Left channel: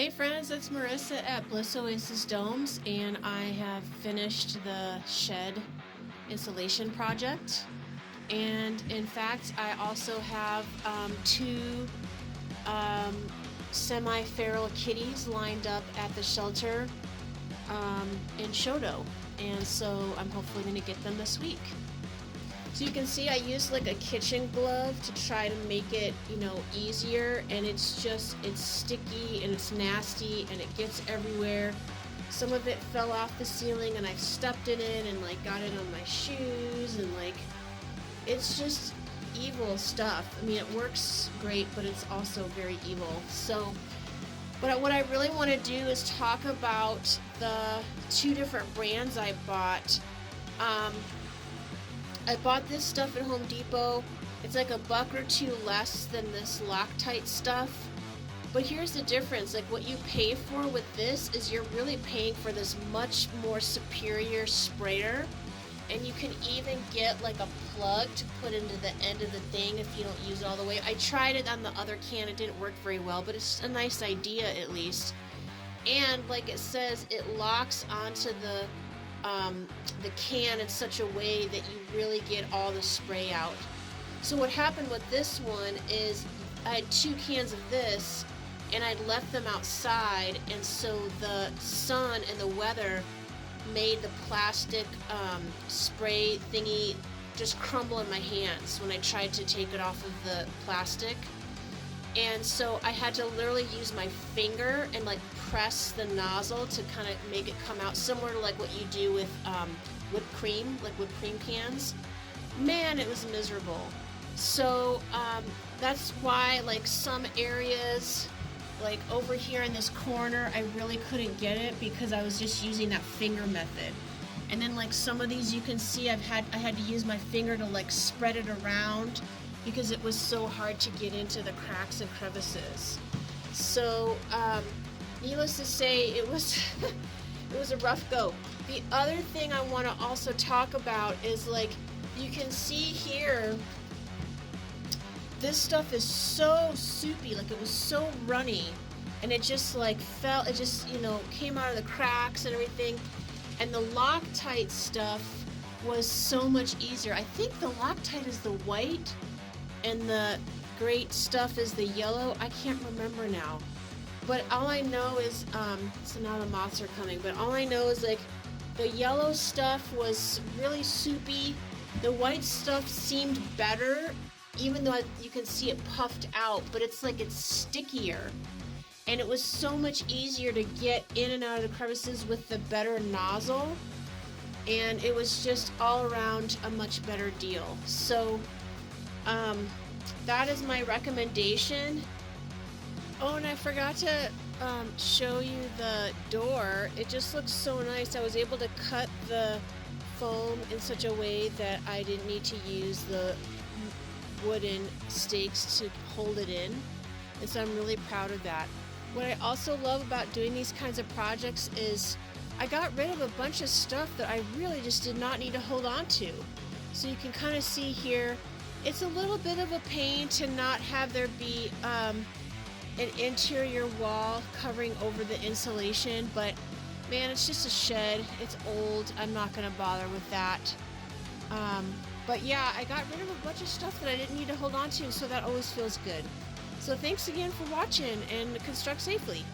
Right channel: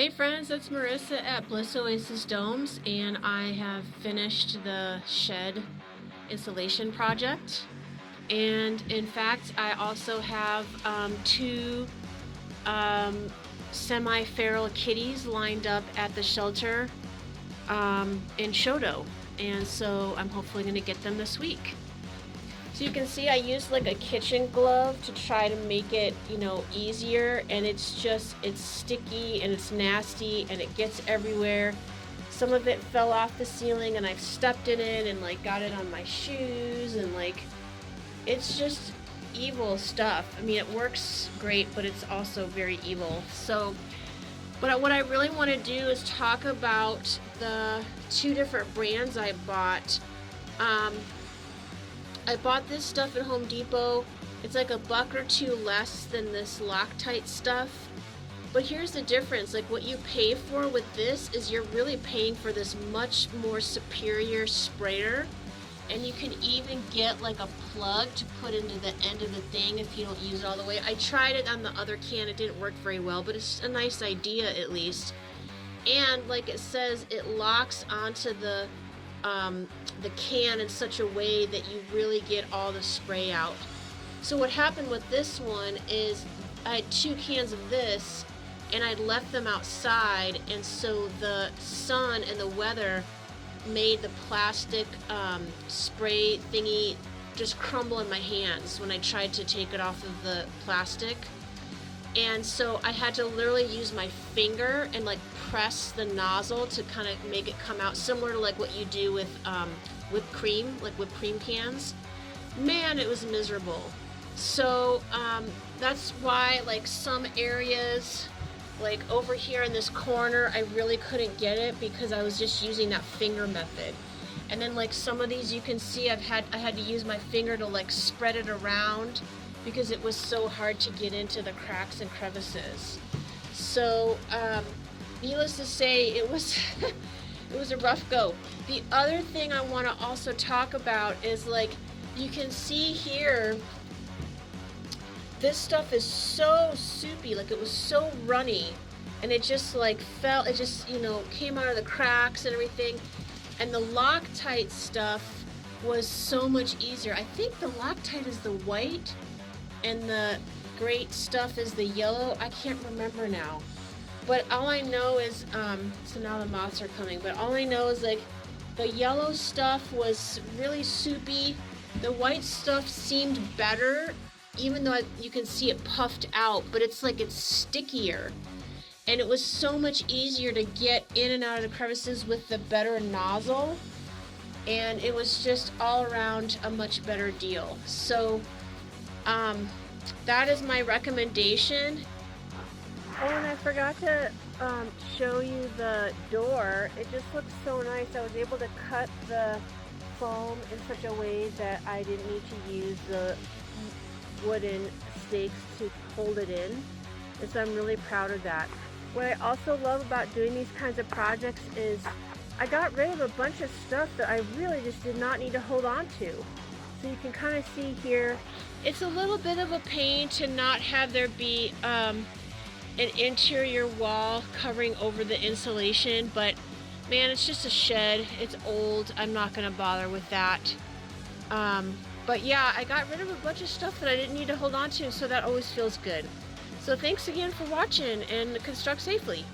Hey friends, it's Marissa at Bliss Oasis Domes, and I have finished the shed insulation project. And in fact, I also have two semi-feral kitties lined up at the shelter in Shodo, and so I'm hopefully going to get them this week. So you can see I used like a kitchen glove to try to make it, easier, and it's sticky and it's nasty and it gets everywhere. Some of it fell off the ceiling and I've stepped in it and got it on my shoes, and it's just evil stuff. I mean, it works great, but it's also very evil. So, but what I really want to do is talk about the two different brands I bought. I bought this stuff at Home Depot. It's like $1 or $2 less than this Locktite stuff. But here's the difference. What you pay for with this is you're really paying for this much more superior sprayer. And you can even get a plug to put into the end of the thing if you don't use it all the way. I tried it on the other can. It didn't work very well, but it's a nice idea at least. And like it says, it locks onto the can in such a way that you really get all the spray out. So what happened with this one is I had 2 cans of this and I left them outside, and so the sun and the weather made the plastic spray thingy just crumble in my hands when I tried to take it off of the plastic. And so I had to literally use my finger and press the nozzle to kind of make it come out, similar to what you do with whipped cream, whipped cream cans. Man, it was miserable. So that's why some areas, over here in this corner, I really couldn't get it because I was just using that finger method. And then some of these you can see I had to use my finger to spread it around because it was so hard to get into the cracks and crevices. So needless to say, it was it was a rough go. The other thing I want to also talk about is you can see here, this stuff is so soupy, it was so runny, and it just fell, it just came out of the cracks and everything. And the Loctite stuff was so much easier. I think the Loctite is the white and the great stuff is the yellow. I can't remember now. But all I know is, so now the moths are coming, but all I know is the yellow stuff was really soupy. The white stuff seemed better, even though you can see it puffed out, but it's it's stickier. And it was so much easier to get in and out of the crevices with the better nozzle. And it was just all around a much better deal. So, that is my recommendation. Oh, and I forgot to show you the door. It just looks so nice. I was able to cut the foam in such a way that I didn't need to use the wooden stakes to hold it in. And so I'm really proud of that. What I also love about doing these kinds of projects is I got rid of a bunch of stuff that I really just did not need to hold on to. So you can kind of see here, it's a little bit of a pain to not have there be an interior wall covering over the insulation, but man, it's just a shed. It's old. I'm not going to bother with that. But yeah, I got rid of a bunch of stuff that I didn't need to hold on to, so that always feels good. So thanks again for watching, and construct safely.